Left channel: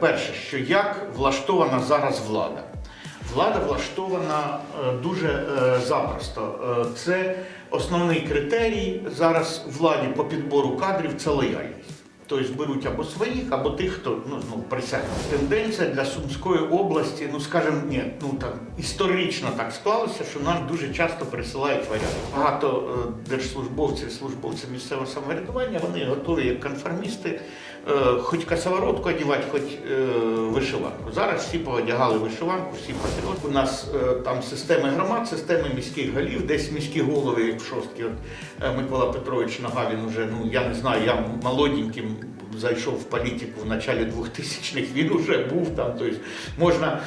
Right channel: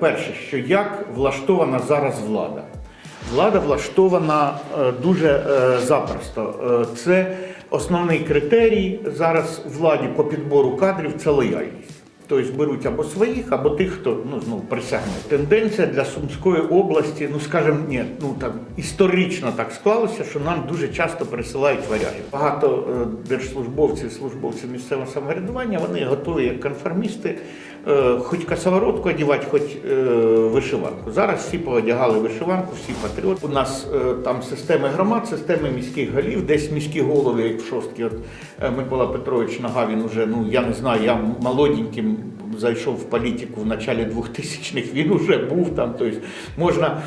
перше, що як влаштована зараз влада. Влада влаштована е, дуже е, запросто. Е, Це основний критерій зараз владі по підбору кадрів це лояльність. Тобто беруть або своїх, або тих, хто ну, ну, присягнув. Тенденція для Сумської області, ну скажімо, ні, ну так історично так склалося, що нам дуже часто присилають варіанти. Багато е, держслужбовців, службовців місцевого самоврядування, вони готові як конформісти, е, хоч косоворотку одягати, хоч е, вишиванку. Зараз всі поодягали вишиванку, всі патріоти. У нас е, там системи громад, системи міських голів, десь міські голови, як шостки. Е, Микола Петрович Нага, він уже, ну я не знаю, я молоденьким зайшов в політику в началі 2000-х, він уже був там. Тобто можна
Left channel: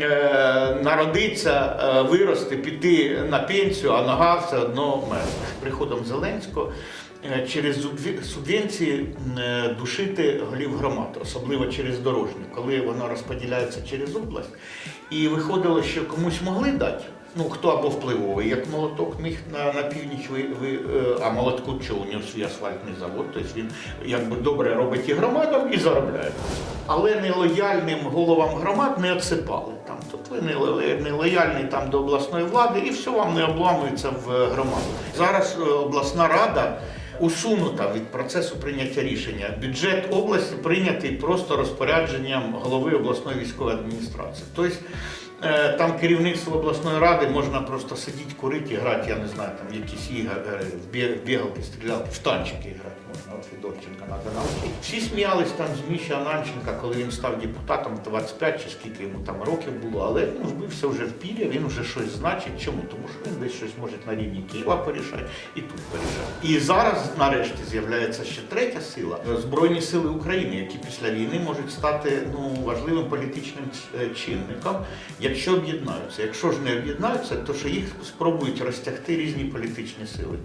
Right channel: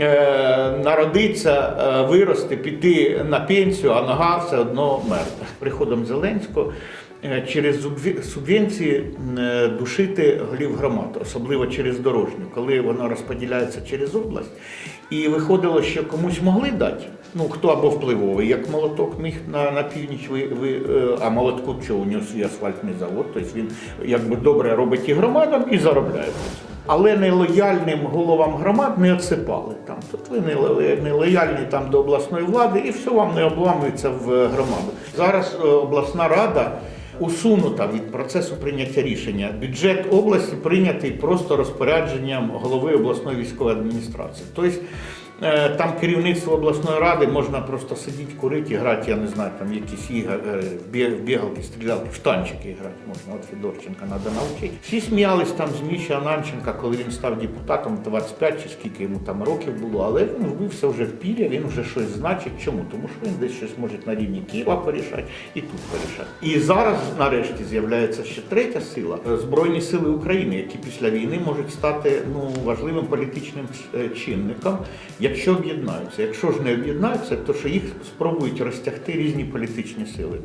е, народитися, е, вирости, піти на пенсію, а нога все одно мертва. З приходом Зеленського е, через субвенції душити голів громад, особливо через дорожню, коли воно розподіляється через область. І виходило, що комусь могли дати. Ну, хто або впливовий, як молоток міг на, на північ, ви, ви, е, а молотку що у нього свій асфальтний завод, тобто він якби добре робить і громадам і заробляє. Але нелояльним головам громад не отсипали там. Тобто ви не, не лояльні там до обласної влади і все вам не обламується в громаду. Зараз е, обласна рада усунута від процесу прийняття рішення. Бюджет області прийнятий просто розпорядженням голови обласної військової адміністрації. Тобто е, там керівництво обласної ради можна просто сидіти, курити, грати, я не знаю, там якісь ігри, е, в бігалки, стрілялки, в танчики грати можна. От Федорченка треба навчити. Всі сміялись там з Міші Ананченка, коли він став депутатом 25 чи скільки йому там років було, але він вбився вже в пір'я, він вже щось значить. Чому? Тому що він десь щось може на рівні Києва порішати і тут порішати. І зараз нарешті з'являється ще третя сила Збройні сили України, які після війни можуть стати ну важливим політичним е, чинником, якщо об'єднаються. Якщо ж не об'єднаються, то що їх спробують розтягти різні політичні сили.